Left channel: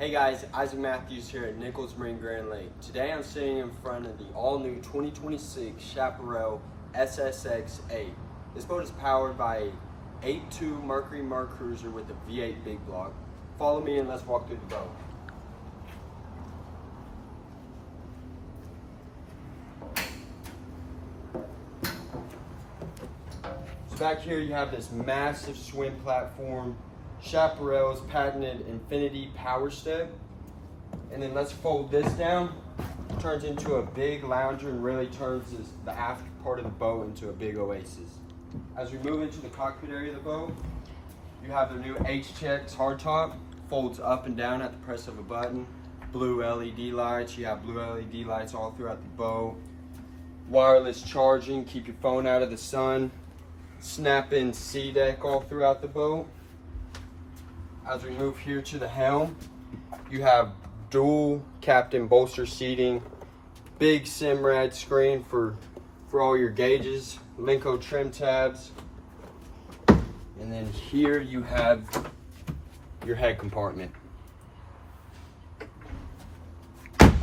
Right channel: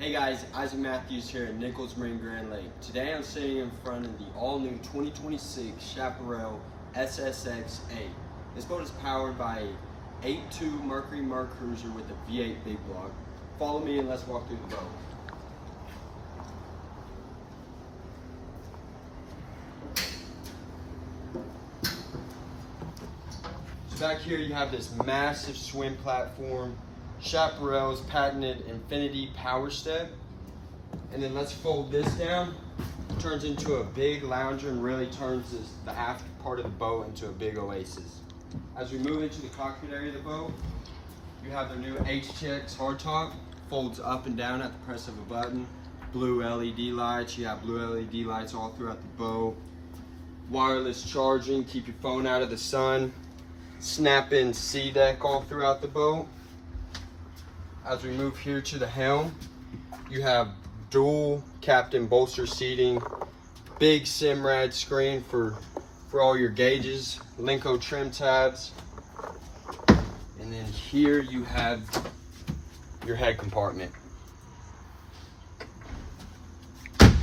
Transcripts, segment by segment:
Hey guys, Isaac Matthews here at Nichols Marine Grand Lake. Today I'm sitting in front of the all-new 2026 Chaparral SSX 8. This boat is powered by a 8.2 Mercury Merc Cruiser with a V8 big block. Follow me and let's walk through the boat. So back here you have this massive swim platform, Chaparral's patented infinity power step, and then let's fold this down. It turns into a big lounger and really turns the aft part of the boat into a big oasis. As we move into the cockpit area of the boat, you have the new HTX hardtop, folds up and down at the press of a button. Blue LED lights, you have blue LED lights all throughout the boat. Wireless charging, keep your phone out of the sun. Snap-in SeaDek all throughout the boat. As we move here to the helm, you have dual captain bolster seating, big Simrad screen for all your gauges, Linko trim tabs, and then here you have your head compartment.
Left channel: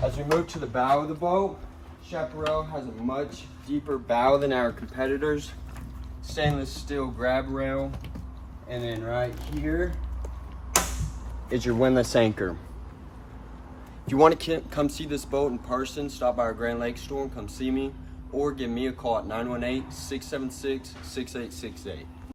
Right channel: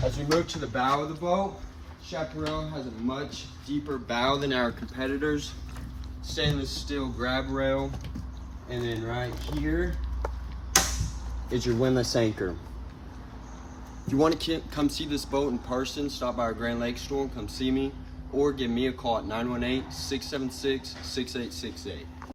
As we move to the bow of the boat, Chaparral has a much deeper bow than our competitors. Stainless steel grab rail, and then right here is your windlass anchor. If you want to come see this boat in person, stop by our Grand Lake store and come see me, or give me a call at 918-676-6868.